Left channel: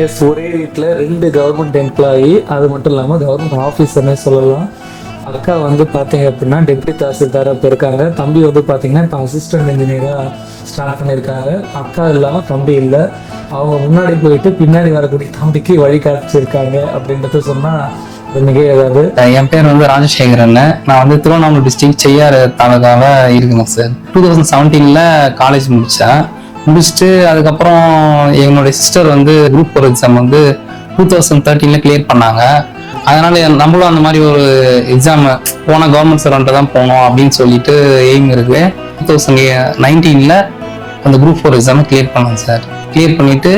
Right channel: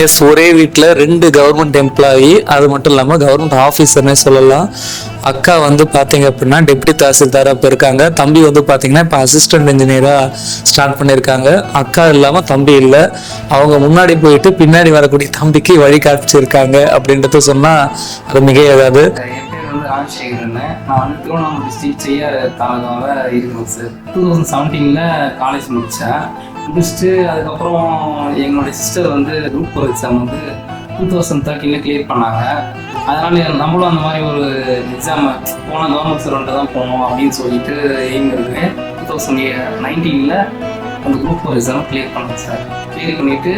S, ஒரே வீட்டில் 2 government employee, அது மட்டும் இல்லாமல் கவர்மெண்ட் ஆஃபீஸர்னே சொல்லலாம். அக்கா வந்து பார்த்தீங்க அப்படின்னா டெப்டி தாசில்தாராக இப்போ இருக்காங்க. தம்பி வந்து பார்த்தீங்கன்னா இப்போ அசிஸ்டன்ட் இன்ஜினியராக ஸ்டார்ட் பண்ணியிருக்காங்க. அக்கா இல்லாமல் தம்பி இல்லை, அவங்க முன்னாடி போயிட்டு பின்னாடி வரக்கூடிய தம்பிக்கு வழி காமிச்சிருக்காங்க அப்படின்றத சொன்னால் அது மிகையாகாது. என் பேர் வந்து ராஜசேகரன். நான் வந்து திருவண்ணாமலை டிஸ்ட்ரிக்ட் செய்யாறு தாலுகாவில் இருக்குங்க சார். 2017 காலேஜ் முடிச்சுட்டு அதுக்கப்புறம் என்னுடைய சிஸ்டர் வந்து குரூப் 4 எக்ஸாம் வந்து 2013 கிளியர் பண்ணாங்க. அதனால நம்மளும் அந்த மாதிரி ஒரு எக்ஸாம் போன கவர்மெண்ட் சர்வெண்ட் தான் போனோம் அப்படின்னு சொல்லிட்டு எய்ம் இருக்கு. 2019 அந்த குரூப் 4 எக்ஸாம் கிளியர் பண்ணேன் சார். கிளியர் பண்ணிட்டு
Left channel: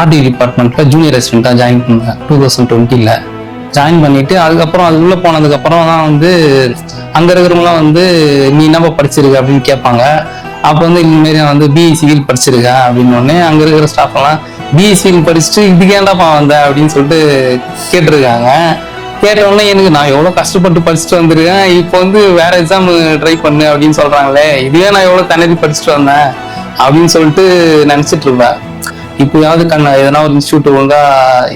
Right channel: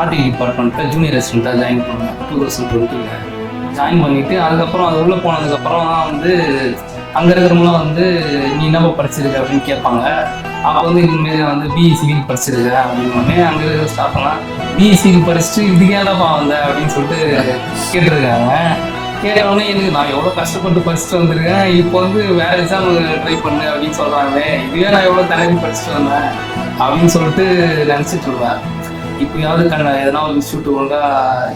ஆர்டி டிபார்ட்மெண்ட்ல ஜூனியர் அசிஸ்டண்டா ஜாயின் பண்ணேன் 2020. ஜாயின் பண்ணிட்டு அதுக்கப்புறம் அது உள்ள போனதுக்கு அப்புறம் தான் வந்து அங்க இருக்கிறவங்களாம் வந்து நீ என்னப்பா படிச்சிருக்க அப்படின்னு கேட்பாங்க. அப்போ வந்து இந்தமாரி வந்து பிஇ சிவில் படிச்சிருக்கேன் அப்படின்னு அங்க இருக்கிற ஸ்டாஃப் எல்லாம் பிஇ சிவில் படிச்சுட்டு இதுக்கேண்டாப்பா வந்த அப்படின்னு சொல்லிட்டு கேட்டிருக்காங்க. கேட்டவொடனே எனக்கு நான் எவ்வளவு கஷ்டப்பட்டு படிச்சுட்டு வந்திருக்கேன், இப்போ வந்து வேற எக்ஸாம் ட்ரை பண்ணு அப்படின்னு சொல்றாங்களே, இதுவே நான் எவ்வளவு தண்ணி படிச்சுட்டு வந்தேன் அப்படின்னு சொல்லிட்டு நினைச்சிட்டு இருப்பேன். இப்போயாவது எதனா ஒரு இன்ஸ்டியூட் ஒழுங்கா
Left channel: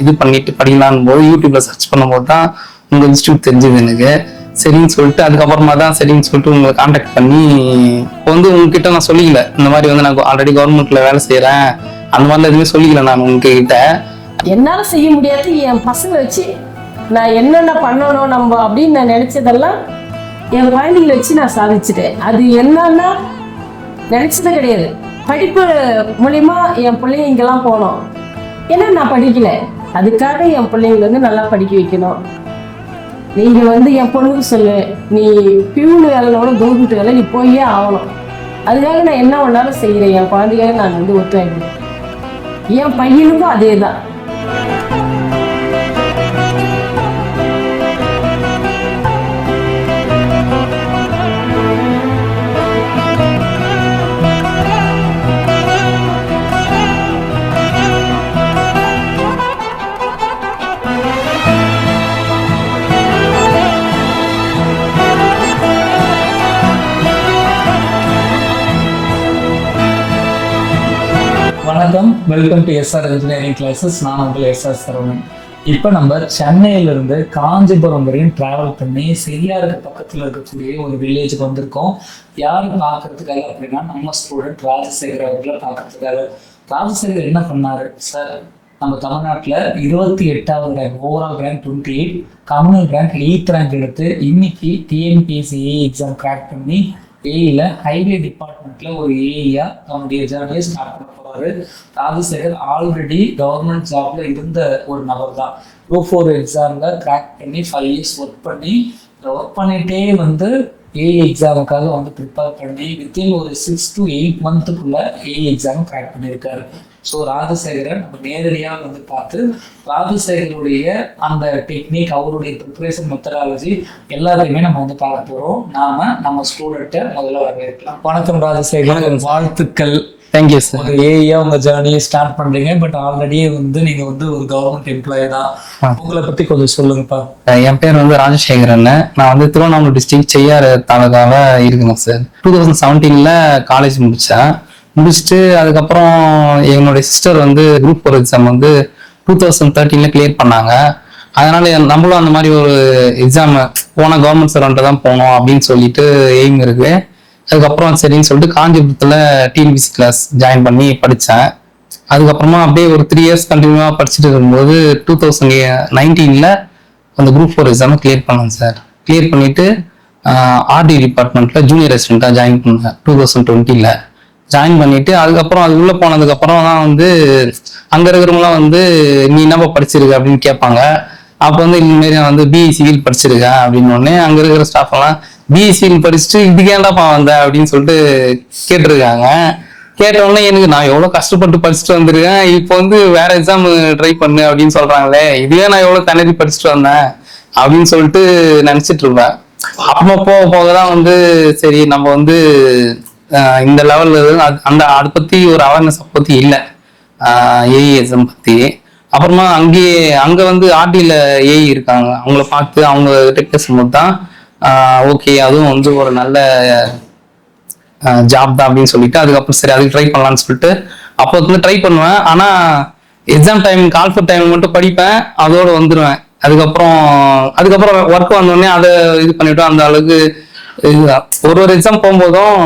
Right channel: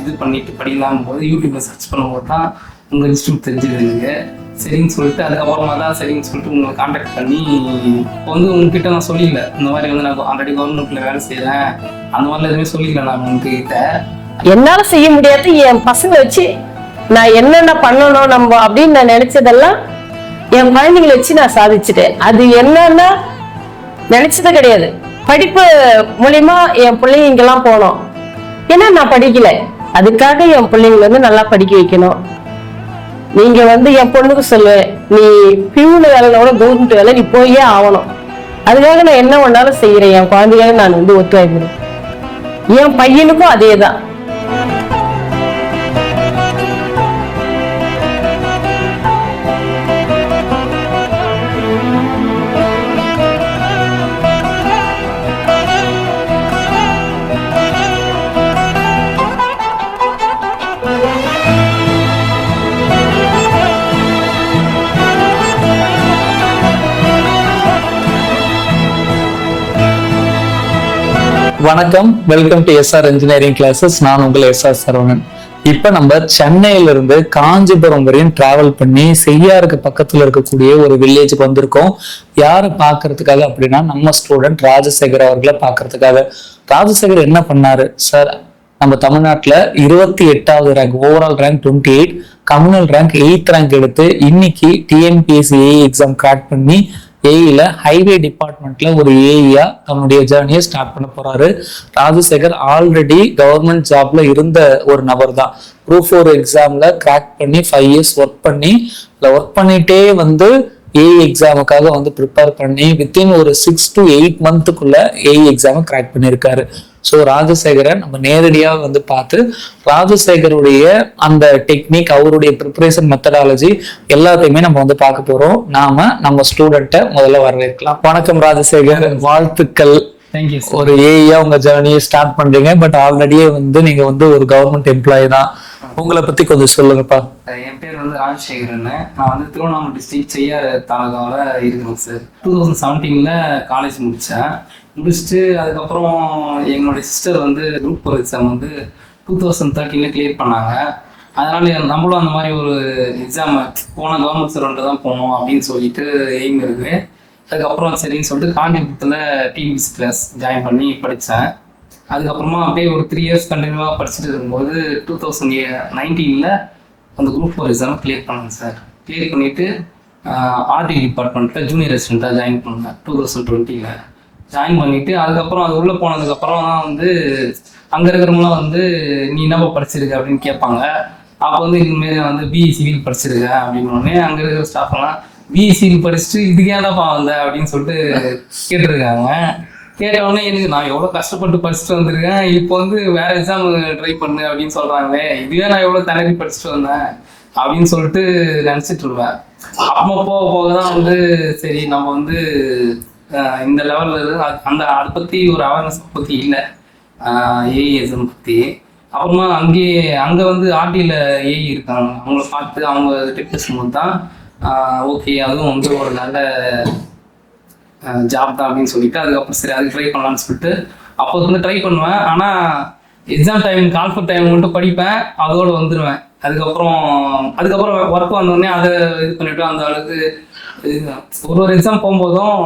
இது பண்ணிட்டு படிக்கலான்னு போது யூடியூப்ல சர்ச் பண்ணும்போது தான் உங்க இன்ஸ்டியூட் தெரிஞ்சது எனக்கு. சரின்னு சொல்லிட்டு அதுக்கப்புறமா தான் சரின்னு சொல்லிட்டு உங்களை கான்டாக்ட் பண்ணி இப்போ வந்து உங்ககிட்ட நான் சொல்லிக்கல, இந்த மாதிரி வந்து நான் ஆல்ரெடி கவர்மெண்ட்ல வேலை செய்யறேன் அந்த மாதிரிலாம் எதுவுமே சொல்லிக்கல நான் உங்ககிட்ட. என்னால செய்ய முடியாது, என் பசங்க வச்சு நான் என்னென்ன பண்ணணும் நம்ம அப்படின்னு நான் நினைச்சதெல்லாம் என் குழந்தைங்களை வச்சு நான் சாதிச்சுட்டேன். அது என்னன்னா நினைச்சதே கிடையாது. படிப்பு மூலியமா என் பிள்ளைங்க இங்கெல்லாம் போனோம். ஏன்னா நான் படிக்கல, அதுக்காக என் பிள்ளைங்களை வந்து நல்லா படிக்க வைக்கணும். நீங்க வந்து என் பொண்ணுக்கு சொல்லுவேன், நீ பியூனு வேலையோட கவர்மெண்ட் வேலை நீ போயே ஆகணும். அதுக்காக நான் என்ன ஒன்னாலும் செய்யறேன். என் குழந்தையாக நான் வந்து ஒத்துழைக்கிறேன். என் பையனுக்கும் அதே தான். வணக்கம், welcome to SR engineering classes. நான் உங்கள் எஸ்ஆர் சரவணன். இப்ப நம்ம சென்னையில இருந்து காஞ்சிபுரம் வரையும் டிராவல் பண்ணி செய்யாருக்கு பக்கத்துல இருக்கக்கூடிய ஒரு வில்லேஜுக்கு வந்திருக்கோம். யாரு பாக்குறதுக்காக அப்படின்னா நம்ம ஸ்டூடெண்ட் ராஜசேகர் அவர்களை பாக்குறதுக்காக. ராஜசேகர் என்ன பண்ணாரு சார், நம்ம தமிழ்நாட்டுல 28வது rank, overall rank 28, communal rank 8th rank எடுத்து இன்னைக்கு டிஎன்பிஎஸ்சி எக்ஸாம் கிராக் பண்ணி ஏஇல ஹைவே டிபார்ட்மெண்ட்ல ஒரு ஏஇயா தன்னுடைய ஜேர்னியை ஸ்டார்ட் பண்ண போறாரு. ராஜசேகர் ஆல்ரெடி கவர்மெண்ட் ஜாப்ல இருந்த ஒரு நபர் தான். குரூப் 4 எக்ஸாம்ல கிராக் பண்ணி 5 இயர்ஸ் ஒர்க் பண்ணிட்டே வந்து ஏஇ எக்ஸாமுக்காக வந்து ப்ரிப்பேர் பண்ணி வித்தின் ஒரு 6 to 8 மந்த்துக்குள்ள ஏஇ எக்ஸாமை கிராக் பண்ணியிருக்காரு. ஸோ ராஜசேகரை நம்ம நேரடியாக வந்து பார்த்து ராஜசேகருடைய அந்த டெக்னிக், அவருடைய ப்ரிப்பரேஷன் மெத்தடாலஜி எல்லாத்தையுமே நம்ம வந்து பார்க்க போறோம். நம்ம ஸ்டூடெண்ட்டை முதல்ல வரவேற்கலாம். வணக்கம் ராஜசேகர், வாழ்த்துக்கள். தேங்க்யூ. ஒரு ஏஐயா உங்க ஜேர்னியை ஸ்டார்ட் பண்றீங்க, பட் ஆல்ரெடியே வந்து நீங்க வந்து ஒரு கவர்மெண்ட் எம்ப்ளாயி தான். உங்களை பத்தி கொஞ்சம் சொல்லுங்கப்பா. என் பேர் வந்து ராஜசேகரன். நான் வந்து திருவண்ணாமலை டிஸ்ட்ரிக்ட் செய்யாறு தாலுகாவில் இருக்குங்க சார். 2017 காலேஜ் முடிச்சுட்டு அதுக்கப்புறம் என்னுடைய சிஸ்டர் வந்து குரூப் 4 எக்ஸாம் வந்து 2013 கிளியர் பண்ணாங்க. அதனால நம்மளும் அந்த மாதிரி ஒரு எக்ஸாம் போன கவர்மெண்ட் சர்வெண்ட் தான் போனோம் அப்படின்னு சொல்லிட்டு எய்ம் இருக்கு. அதுக்கப்புறம் சரின்னு சொல்லிட்டு காஞ்சிபுரத்துல டிஎன்பிஎஸ்சி கிளாஸ் ஜாயின் பண்ணி படித்தேன். அதுக்கப்புறமா அப்படியே ஒரு 3 இயர்ஸ் கண்டினியூவாக படிச்சுட்டு இருக்கும்போது 2019 அந்த குரூப் 4 எக்ஸாம் கிளியர் பண்ணேன் சார். கிளியர் பண்ணிட்டு ஆர்டி டிபார்ட்மெண்ட்ல ஜூனியர் அசிஸ்டண்டா ஜாயின் பண்ணேன் 2020. ஜாயின் பண்ணிட்டு அதுக்கப்புறம் அது உள்ள போனதுக்கு அப்புறம் தான் வந்து அங்க இருக்கிறவங்களாம் வந்து நீ என்னப்பா படிச்சிருக்க அப்படின்னு கேட்பாங்க. அப்போ வந்து இந்தமாரி நான் வந்து பிஇ சிவில் படிச்சிருக்கேன் அப்படின்னு அங்க இருக்கிற ஸ்டாஃப் எல்லாம் பிஇ சிவில் படிச்சுட்டு இதுக்கேண்டாப்பா வந்த அப்படின்னு சொல்லிட்டு கேட்டிருக்காங்க. கேட்டவொடனே எனக்கு நான் எவ்வளவு கஷ்டப்பட்டு படிச்சுட்டு வந்திருக்கேன், இப்போ வந்து வேற எக்ஸாம் ட்ரை பண்ணு அப்படின்னு சொல்றாங்களே, இதுவே நான் எவ்வளவு தண்ணி படிச்சுட்டு வந்தேன் அப்படின்னு சொல்லிட்டு நினைச்சிட்டு இருப்பேன். அப்புறமா போக போகதான் வந்து சரி நம்ம வந்து இந்த லெவல்ல அதை பத்தி ஒரு அவேர்னஸ் பத்தி இல்லை, ஏஇ எக்ஸாம் பத்தி. அப்புறமா அங்க வந்து ஆர்டில ஏஇ இருக்காங்க, அவங்கள பார்த்து அவங்க டெக்னீஷியன் தான் ஓகே அதுவும் வந்து ஒரு நல்ல ஜாப் தான் அப்படின்னு சொல்லிட்டு அதுக்கப்புறம் சரி அதுக்கு ட்ரை பண்ணலாம்னு சொல்லிட்டு அப்போ வந்து ட்ரை பண்ணுவேன். ஆனா எக்ஸாம் டைம் கால் ஃபர் டைம் மட்டும் படிப்பேன், அதோட வந்துடுவேன். அதுக்கப்புறம் ஒர்க் வந்தோடனே அதை இது பண்ணிவிட்டோம். அந்த அளவுக்கு இதுதான். ஒரு எக்ஸாம் போகும்போதும்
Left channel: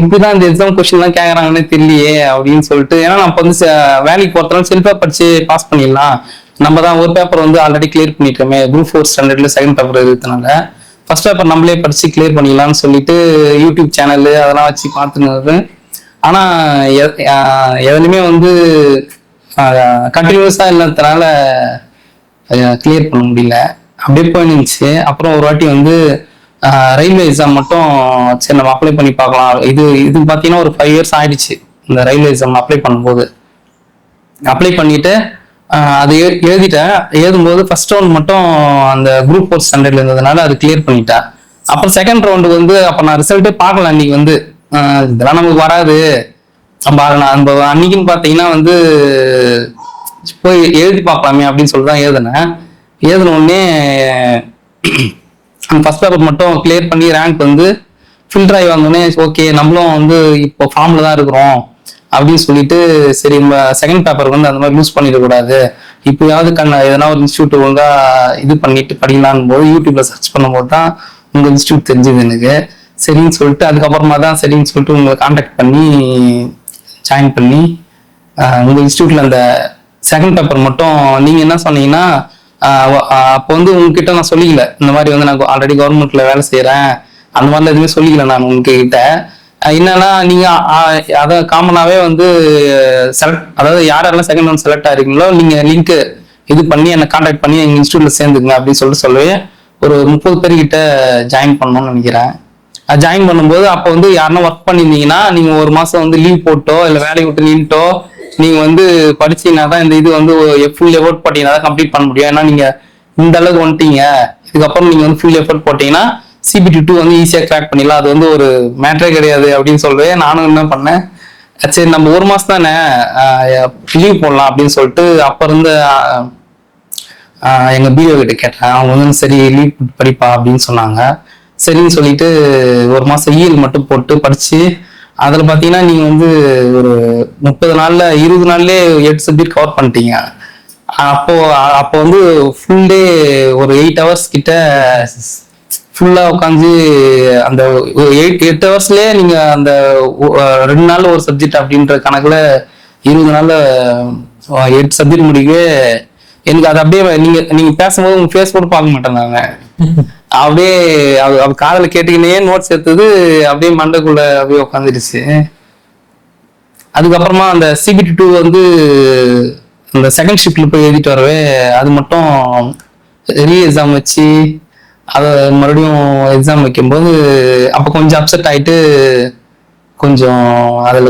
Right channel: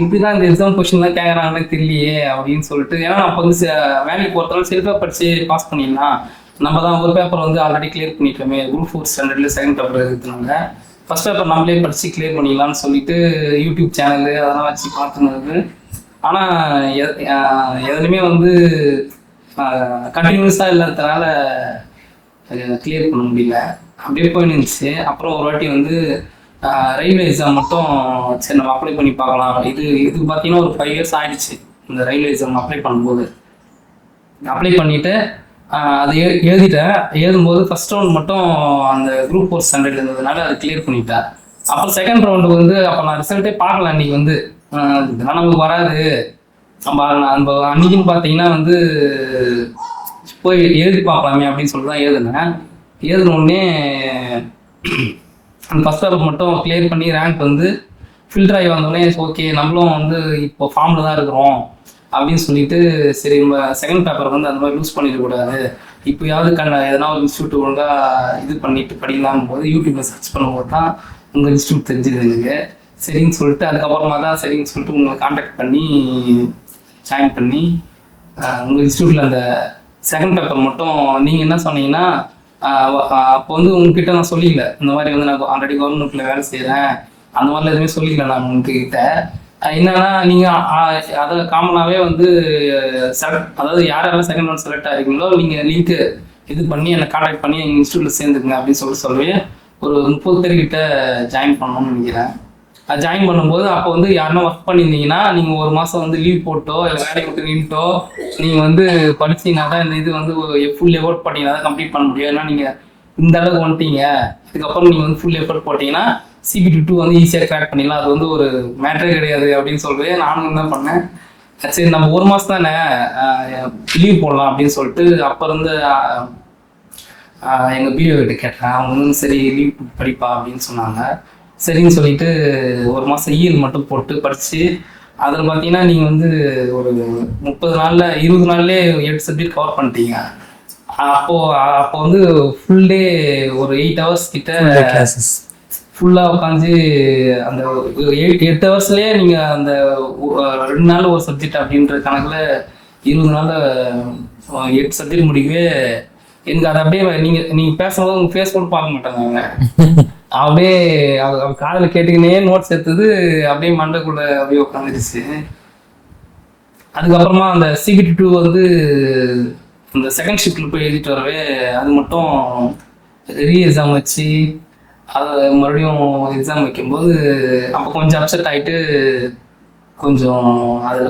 எப்படிதான் இந்த எக்ஸாம் கொஸ்டின்லாம் கேட்குறாங்கன்னே தெரியலையே அப்படின்னு சொல்லிட்டு, ஏன்னா நான் இப்போ வந்து வேலைக்கு போகிறதுனால செல்ஃபாக படிச்சு பாஸ் பண்ணிடலாம், நம்ம தான் ஒரு பேப்பர் வந்து ஆல்ரெடி கிளியர் பண்ணிட்டோமே, குரூப் 4 ஸ்டாண்டர்ட்ல செகண்ட் பேப்பர் இருக்கிறதுனால ஃபர்ஸ்ட் பேப்பர் நம்மளே படிச்சு கிளியர் பண்ணிடலாம்னு சொல்லிட்டு யூடியூப் சேனல் அதெல்லாம் வச்சு பார்த்துன்னு. ஆனால் எதுலையுமே வந்து கண்டினியூஸாக இல்லாததுனால கிளியர் பண்ண முடியல, அப்படியே போயிருந்துச்சு. அப்புறம் ஒரு வாட்டி வந்து ரயில்வே எக்ஸாம் மட்டும் சரி நம்ம அப்ளை பண்ணி பார்க்கலாம். இது பார்த்தீங்கன்னா ஒரு 5 years ஆயிடுச்சு. இந்த ரயில்வே எக்ஸாம் அப்ளை பண்ணும்போது அப்ளை பண்ணிட்டு அது எழுதிட்டேன். எழுதும்போது ஃபர்ஸ்ட் ரவுண்ட் மட்டும் அந்த குரூப் 4 ஸ்டாண்டர்ட்ல இருந்ததுனால அது கிளியர் பண்ணிட்டேன். அப்புறம் செகண்ட் ரவுண்டு வந்து அப்போ நான் ரிசல்ட்டே பார்க்கல. அன்னைக்கு வந்து இதெல்லாம் நமக்கு வராது நம்ம அன்னைக்குன்னு பார்த்தீங்கன்னா வந்து போய் எழுதி பார்க்கலாமே அப்படின்னு சொல்லி தான் எழுதினேன். எழுதின உடனே அந்த ஃபர்ஸ்ட் பேப்பர் மட்டும் கிளியர் பண்ணி ரேங்க் வந்து ஃபில்டர் ஆகி வந்தோடனே ஓகே நம்மளும் வந்து இப்போ ஃபார்ம்ல தான் இருக்கிறோம் அப்படின்னு சொல்லிட்டு, சரி நம்ம செகண்ட் பேப்பர் வந்து அந்த மாதிரி யூஸ் பண்ணிடக்கூடாது, இப்போயாவது எதனா ஒரு இன்ஸ்டியூட் ஒழுங்கா இது பண்ணிட்டு படிக்கலான்னு போது யூடியூப்ல சர்ச் பண்ணும்போது தான் உங்க இன்ஸ்டியூட் தெரிஞ்சது எனக்கு. சரின்னு சொல்லிட்டு அதுக்கப்புறமா தான் சரின்னு சொல்லிட்டு உங்களை கான்டாக்ட் பண்ணி ஜாயின் பண்ணி உங்க இன்ஸ்டியூட்ல அந்த செகண்ட் பேப்பர் மட்டும் நீங்க என்ன சொன்னீங்கன்னா, அப்போ வந்து உங்ககிட்ட நான் சொல்லிக்கல இந்த மாதிரி வந்து நான் ஆல்ரெடி கவர்மெண்ட்ல வேலை செய்யறேன் அந்த மாதிரிலாம் எதுவுமே சொல்லிக்கல நான் உங்ககிட்ட. என்னன்னா நீங்க அதை காமனாவே வந்து அதாவது யாரெல்லாம் செகண்ட் ரவுண்ட் செலக்ட் ஆயிருக்கீங்களோ நீங்க லிங்க் இது பண்ணி என்னை கான்டாக்ட் பண்ணி எங்க இன்ஸ்டியூட்ல சேர்ந்துக்குங்க அப்படின்னு சொல்லிட்டு சொல்லவே ஒரு 30 பேர்கிட்ட ஜாயின் பண்ணணும்னு நினைக்கிறேன். ஜாயின் பண்ணும்போது அப்போ வந்து யாருன்னா ஒர்க் பண்ணியிருந்தீங்கன்னா நீங்க ஒரு மாசம் வந்து லீவ் போட்டோ இல்லை வேலையை விட்டு நின்ட்டோ நீங்க வந்து படிச்சீங்கன்னா தான் இந்த இது வந்து ஃபுல் எஃபோர்ட் போட்டீங்கன்னா தான் கம்ப்ளீட் பண்ண முடியும். ஏன்னா நீங்க இந்த அளவுக்கு வந்துட்டீங்க, இதுக்கப்புறம் நீங்க வந்து ஃபுல் எஃபோர்ட் போட்டீங்கன்னா CBT 2 வந்து ஈஸியாக கிராக் பண்ணிடலாம், அது வந்து ஒரு மேட்டரே கிடையாது அப்படின்னு சொல்லுவேன். நானும் என்ன பண்ணேன், சரி நம்ம ஒரு மாசம் தானே லீவ் போடலாம் அப்படின்னு சொல்லிட்டு அப்ப இருந்து எங்க பிஓ கிட்ட கேட்டேன். அவங்க வந்து சரி லீவ் படிப்பா அப்படின்னு சொன்னாங்க. சரின்னு சொல்லிட்டு ஒரு மாசம் இஎல் மட்டும் போட்டு படிச்சு அதுல பாத்தீங்கன்னா நீங்க வந்து ஒரு 30 நாள்ல 20 நாள்லயே 8 சப்ஜெக்ட் கவர் பண்ணிட்டீங்க. அப்போ வந்து ஃபுல் டே ஒரு 8 hours கிட்ட ஃபுல்லா உட்காந்து அந்த 8 ஹவர்ஸ்லயே நீங்க அந்த 2 நாள்ல ஒரு சப்ஜெக்ட் அப்படின்ற கணக்குல 20 நாள்ல 8 சப்ஜெக்ட் முடிக்கவே எனக்கு அது அப்படியே நீங்க பேசும்போது உங்க ஃபேஸ் கூட பார்க்க மாட்டேன் நாங்க அப்படியே காதல கேட்டுக்கினே நோட்ஸ் எடுத்தது அப்படியே மண்டைக்குள்ள அப்படியே உட்காந்துருச்சு. அதுக்கப்புறமா அந்த CBT 2 வந்து அந்த செகண்ட் ஷிஃப்ட்ல போய் எழுதிட்டு வரவே அது மட்டும் ரீ எக்ஸாம் வச்சு அதை மறுபடியும் எக்ஸாம் வைக்கும்போது அப்போ கொஞ்சம் அப்செட் ஆயிட்டு கொஞ்சம் அதில்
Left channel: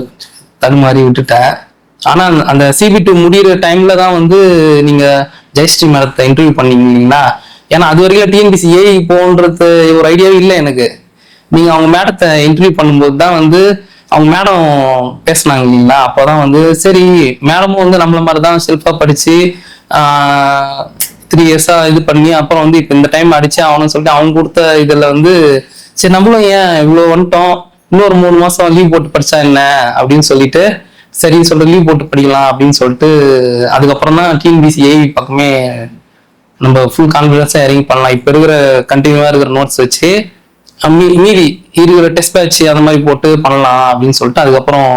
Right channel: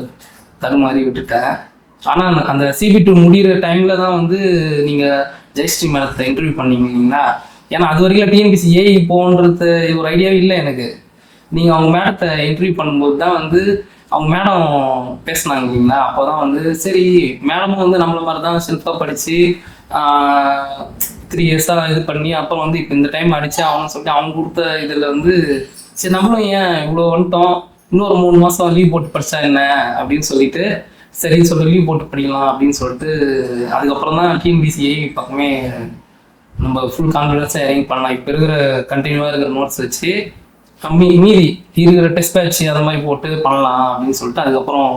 தடுமாறி விட்டுட்டேன். ஆனால் அந்த CBT 2 முடிகிற டைம்ல தான் வந்து நீங்க ஜெயஸ்ரீ மேடத்தை இன்டர்வியூ பண்ணீங்க இல்லைங்களா? ஏன்னா அது வரைக்கும் TNPSC ஏஐ போன்றது ஒரு ஐடியாவே இல்லை எனக்கு. நீங்க அவங்க மேடத்தை இன்டர்வியூ பண்ணும்போது தான் வந்து அவங்க மேடம் பேசினாங்க இல்லைங்களா? அப்போதான் வந்து சரி மேடமும் வந்து நம்மள மாதிரி தான் செல்ஃபா படிச்சு 3 years இது பண்ணி அப்புறம் வந்து இப்போ இந்த டைம் அடிச்சு ஆகணும்னு சொல்லிட்டு அவங்க கொடுத்த இதுல வந்து சரி நம்மளும் ஏன் இவ்வளோ வந்துட்டோம், இன்னொரு 3 மாசம் லீவ் போட்டு படிச்சா என்ன அப்படின்னு சொல்லிட்டு சரின்னு சொல்லிட்டு லீவ் போட்டு படிக்கலாம் அப்படின்னு சொல்லிட்டு அதுக்கப்புறம் தான் TNPSC ஏஐ பக்கமே நம்ம ஃபுல் கான்ஃபிடன்ஸா இறங்கி பண்ணலாம். இப்போ இருக்கிற கண்டினியூவா இருக்கிற நோட்ஸ் வச்சு மீறி இருக்கிற டெஸ்ட் பேட்ச் அந்த மாதிரி போட்டு பண்ணலாம் அப்படின்னு சொல்லிட்டு அதுக்கப்புறம்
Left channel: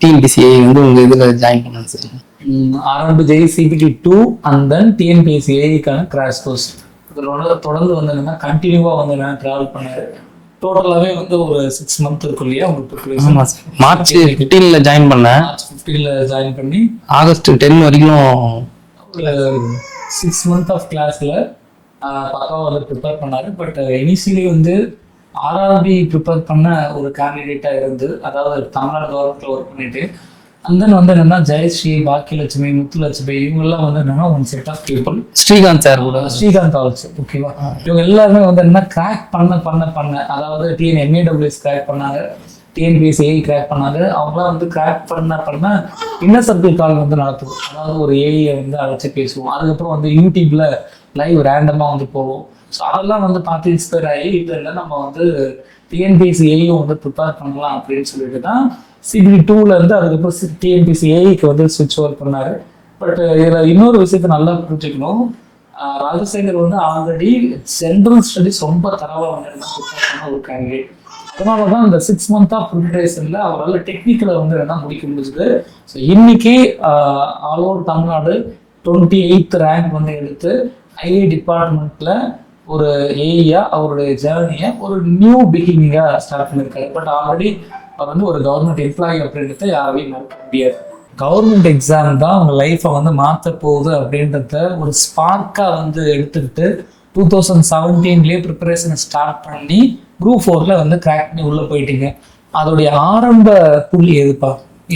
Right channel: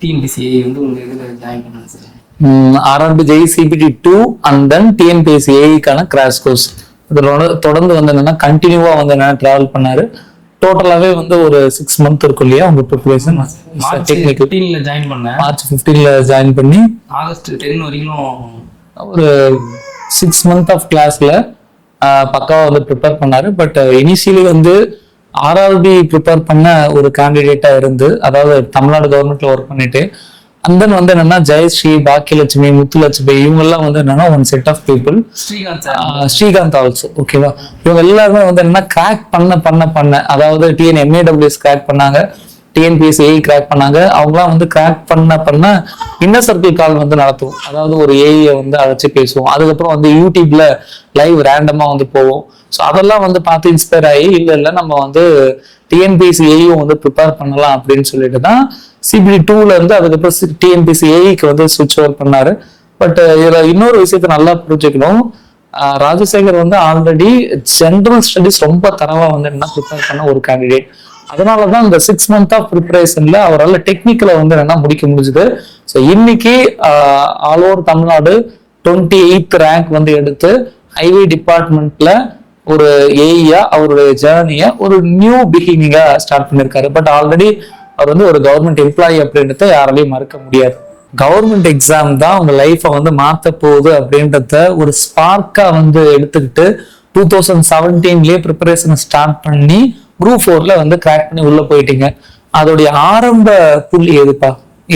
TNPSC ஏஐ வந்து உங்க இதுல ஜாயின் பண்ணாங்க sir. RRB CBT 2 and then TNPSC ஏஐக்கான கிராஷ் கோர்ஸ் தொடர்ந்து வந்து என்னன்னா கண்டினியூவா வந்து என்ன டிராவல் பண்ணாரு. டோட்டலாவே வந்து ஒரு 6 month இருக்கும் இல்லையா உங்க ப்ரிப்பரேஷன்? மார்ச் 15ல ஜாயின் பண்ணேன். மார்ச் 15ல ஜாயின் பண்ணி ஆகஸ்ட் 10 வரைக்கும் ஒரு 6 month ஆஃப் கிளாஸ்ல பக்காவா வந்து ப்ரிப்பேர் பண்ணாரு. பட் இனிஷியலி வந்து RRB ப்ரிப்பேர் பண்ண ஒரு கேண்டிடேட்டா இருந்து, அதாவது தமிழ்நாடு கவர்மெண்ட்ல ஒர்க் பண்ணிட்டு அண்ட் தென் வந்து என்னன்னா ஜெயஸ்ரீ, பாக்கியலட்சுமி, முத்துலட்சுமி இவங்க எல்லாம் வந்து என்னன்னா one set of people. Srikanth also ஓகேவா? இவங்க எல்லாருமே வந்து என்னன்னா கிராக் பண்ண அதாவது MAWS கிராக் பண்ணாங்க, TNPSC ஏஐ கிராக் பண்ணாங்க. அவங்களாம் வந்து கிராக் பண்ண இன்னர் சர்க்கிள் கால் வந்து நடத்துவோம். அதாவது ஒரு ஏஐயை வந்து அழைச்சி பேசுவோம். அதுக்கப்புறம் வந்து யூடியூப்ல லைவ் ரேண்டமா வந்து போவோம். ஸோ அதெல்லாம் வந்து பார்த்து இன்ஸ்பயர் ஆகி இல்லை நம்ம வந்து TNPSC ஏஐயும் வந்து ப்ரிப்பேர் பண்ணலாம் அப்படின்னு சொல்லிட்டு தான் CBT 2ல இருந்து அதுக்கப்புறம் TNPSC ஏஐக்கு வந்து ஸ்விட்ச் ஓவர் பண்ணாரு. பட் இதுல இன்னொரு விஷயத்த நல்லா புரிஞ்சுக்கணும். ராஜசேகர் வந்து ஆல்ரெடி ஜென்ரல் ஸ்டடிஸ் ரொம்ப தரவா வந்து என்ன ப்ரிப்பேர் பண்ண ஒரு கேண்டிடேட். அதனாலதான் இந்த 6 month ஆஃப் ப்ரிப்பரேஷன்ல அவரால் டெக்னிக்கலை வந்து என்ன முடிக்க முடிஞ்சுது. ஸோ இன்னைக்கு all over Tamil Nadu 28th rank வந்து எடுத்து ஐவி டிபார்ட்மெண்ட்ல ஒரு ஏஐயா அவருடைய ஜேர்னியை ஒரு நியூ பிகினிங்கா ஸ்டார்ட் பண்ணியிருக்காரு. பட் ஆல்ரெடி அவர் வந்து ஒரு கவர்மெண்ட் எம்ப்ளாயி அப்படின்றத யாராலையும் மறக்க முடியாது. கவர்மெண்ட் எக்ஸாம் தான் உங்க லைஃபை வந்து மாற்ற போகுது அப்படின்றத ஒரு ஸ்பார்க்கா வந்து எடுத்துக்கிட்டு 2017லயே ப்ரிப்பரேஷனை ஸ்டார்ட் பண்ணி குரூப் 4ல வந்து கிராக் பண்ணி உள்ள போயிட்டீங்க. அதோடைய ஆரம்ப புள்ளி எதுப்பா?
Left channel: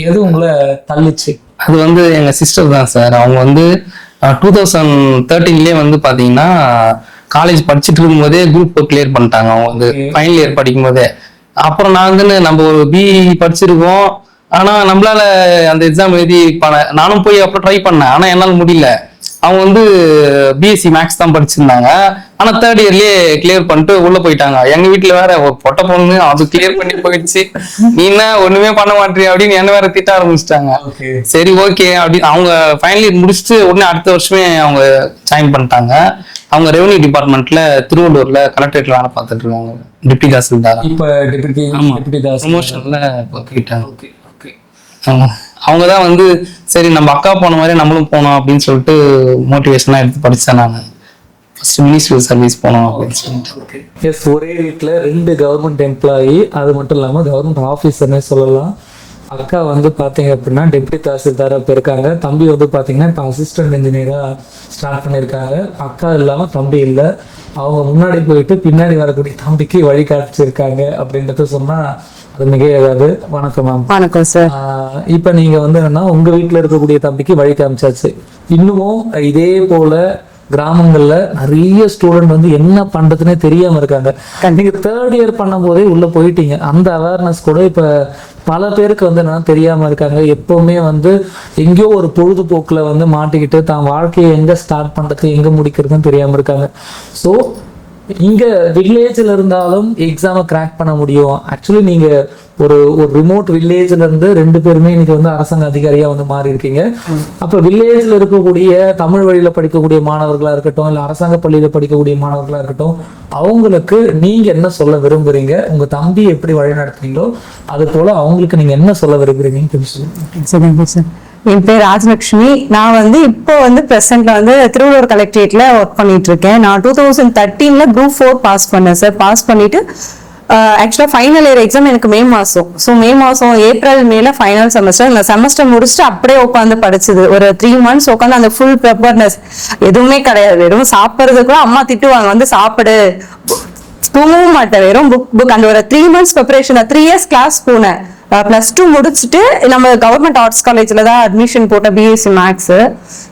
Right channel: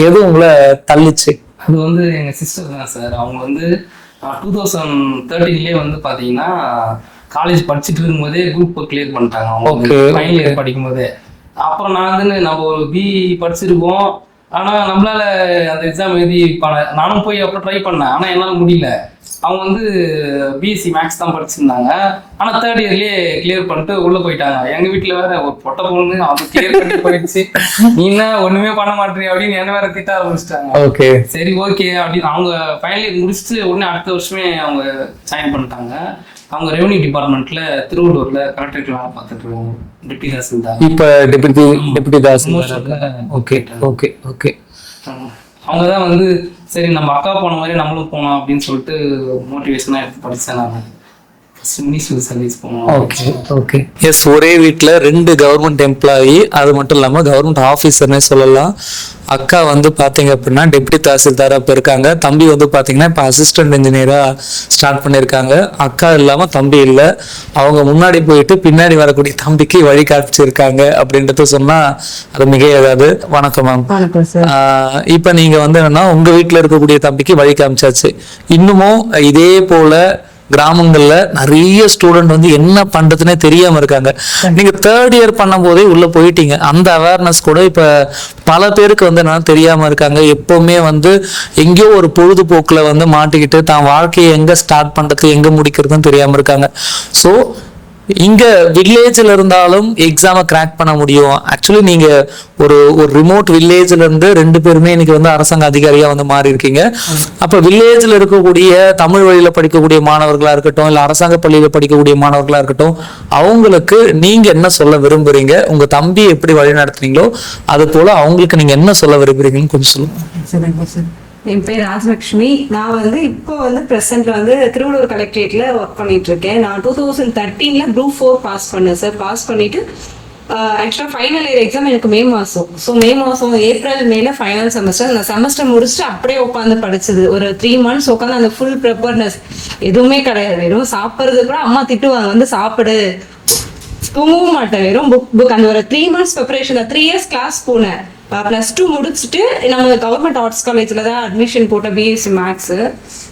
எது உங்களை தள்ளிச்சு? அது வந்து எங்க சிஸ்டர் தான் சார். அவங்க வந்து 2013லயே வந்து பாத்தீங்கன்னா காலேஜ் படிச்சுட்டு இருக்கும் போதே குரூப் கிளியர் பண்ணிட்டாங்க. அவங்க வந்து ஃபைனல் இயர் படிக்கும் போதே. அப்புறம் நான் வந்து நம்ம ஒரு பிஇ படிச்சிருக்கோம், ஆனா நம்மளால அந்த எக்ஸாம் எழுதி நானும் போய் அப்புறம் ட்ரை பண்ணேன், ஆனா என்னால முடியல. அவங்க வந்து பிஎஸ்சி மேக்ஸ் தான் படிச்சிருந்தாங்க, ஆனா 3rd இயர்லயே கிளியர் பண்ணிட்டு உள்ள போயிட்டாங்க. எங்க வீட்டுல வேற ஒரு பொட்டை பொண்ணு அது கிளியர் பண்ணி போயிடுச்சு, நீ என்ன ஒண்ணுமே பண்ண மாட்டேறிய அப்படின்னு என்ன வேற திட்ட ஆரம்பிச்சிட்டாங்க. ஓகே சரி ஓகே அப்படின்னு அவங்க ஃபைனல் இயர் முடிச்சுட்டு உடனே அடுத்த வருஷமே அவங்க ஜாயின் பண்ணிட்டாங்க. அவங்க ரெவன்யூ டிபார்ட்மெண்ட்ல திருவள்ளூர்ல கலெக்டரேட்ல வேலை பார்த்துட்டு இருக்காங்க, டிப்டி தாசில்தார். இப்ப டிப்டி ப்ரமோஷன்ல ஓகே ஓகே ஓகே. அவங்கதான் வந்து சரி நம்ம அக்கா போன மாதிரி நம்மளும் போனோம் அப்படின்னு சொல்லிட்டு மோட்டிவேஷனா எடுத்து படிச்சேன். நான் ஃபர்ஸ்ட் மினிஸ்ட்ரி சர்வீஸ் போனோம். ஓகே எஸ், ஒரே வீட்டில் 2 கவர்மெண்ட் எம்ப்ளாயி, அது மட்டும் இல்லாமல் கவர்மெண்ட் ஆஃபீஸர்னே சொல்லலாம். அக்கா வந்து பார்த்தீங்க அப்படின்னா டெப்டி தாசில்தாராக இப்போ இருக்காங்க. தம்பி வந்து பார்த்தீங்கன்னா இப்போ அசிஸ்டன்ட் இன்ஜினியராக ஸ்டார்ட் பண்ணியிருக்காங்க. அக்கா இல்லாமல் தம்பி இல்லை, அவங்க முன்னாடி போயிட்டு பின்னாடி வரக்கூடிய தம்பிக்கு வழி காமிச்சிருக்காங்க அப்படின்றத சொன்னால் அது மிகையாகாது. வணக்கம் மேம். வணக்கம் சார். இப்போ நீங்கள் வந்து என்னன்னா உங்கள் வீட்டில் இருக்கக்கூடிய தம்பிக்கு வழி காமிச்சாச்சு. இன்னமும் இதே போல கிராமங்கள்ல நிறைய ஸ்டூடெண்ட் வந்து என்ன பண்றதுன்னே தெரியாம இருக்காங்க. நீங்க 3rd இயர் பண்ணும் போதே உள்ள போயிட்டீங்க. அந்த அவேர்னஸ் கூட இப்ப பல பேருக்கு வந்து என்ன தெரியாம இருக்காங்க. எப்பவுமே வந்து எங்கேயோ ஒரு பொழுதுபோக்குல வந்து மாட்டிக்கிட்டு தான் வாழ்க்கையை எங்க ஸ்டார்ட் பண்றது எங்க முடிக்கிறதுன்னு தெரியாம இருக்காங்க. ஸோ இங்க வில்லேஜ்ல இருந்தாலும் எக்ஸாமை கிராக் பண்ண முடியும். ஆக்சுவலி நீங்க ஒரு ரிமோட் வில்லேஜ்ல இருந்து 2 பேருமே இன்னைக்கு வந்து அரசாங்க அதிகாரியா வந்து மாறி இருக்கீங்க. அப்ப வில்லேஜ்ல இருக்கக்கூடிய தமிழ் வழியில படிக்கக்கூடிய மாணவர்களா இருக்கட்டும், இல்ல அரசாங்க பள்ளியில படிக்கக்கூடிய மாணவர்களா இருக்கட்டும், அவங்களுக்கு நீங்க என்ன சொல்ல விரும்புறீங்க? உங்க தம்பி எப்படி வழி நடத்துறீங்களோ அது போல அவங்களுக்கு நீங்க என்ன சொல்ல விரும்புறீங்கன்னு கொஞ்சம் சொல்லுங்க. என் பேர் ராஜலட்சுமி. நான் வந்து இப்போ வந்து ப்ரெசென்ட்ல வந்து திருவள்ளூர் கலெக்டரேட்ல ஒர்க் பண்ணிட்டு இருக்கேன். நான் 2013ல குரூப் 4 பாஸ் பண்ணேன் சார். பாஸ் பண்ணிட்டு ஆக்சுவலா ஃபைனல் இயர் எக்ஸாம் எனக்கு மே மாசம். ஸோ மே மாசம் ஏப்ரல் மேல ஃபைனல் செமஸ்டர். அந்த செமஸ்டர் முடிச்சுட்டு அப்படியே உட்காந்து படிச்சது. ஒரு 3 months உட்காந்து அந்த ஃபுல் ப்ரிப்பேர்னஸ் எதுவுமே கிடையாது. வெறும் சாப்பிட்றதுக்குள்ள அம்மா திட்டுவாங்க, வந்து சாப்பிடு, தூங்கவும் மாட்டேன், வெறும் புக். அந்த ஒரு 3 months ப்ரிப்பரேஷன். 3 years கிளாஸ் போனேன். +2 முடிச்சுட்டு நம்ம கவர்மெண்ட் ஆர்ட்ஸ் காலேஜ்ல தான் அட்மிஷன் போட்ட பிஎஸ்சி மேக்ஸ்.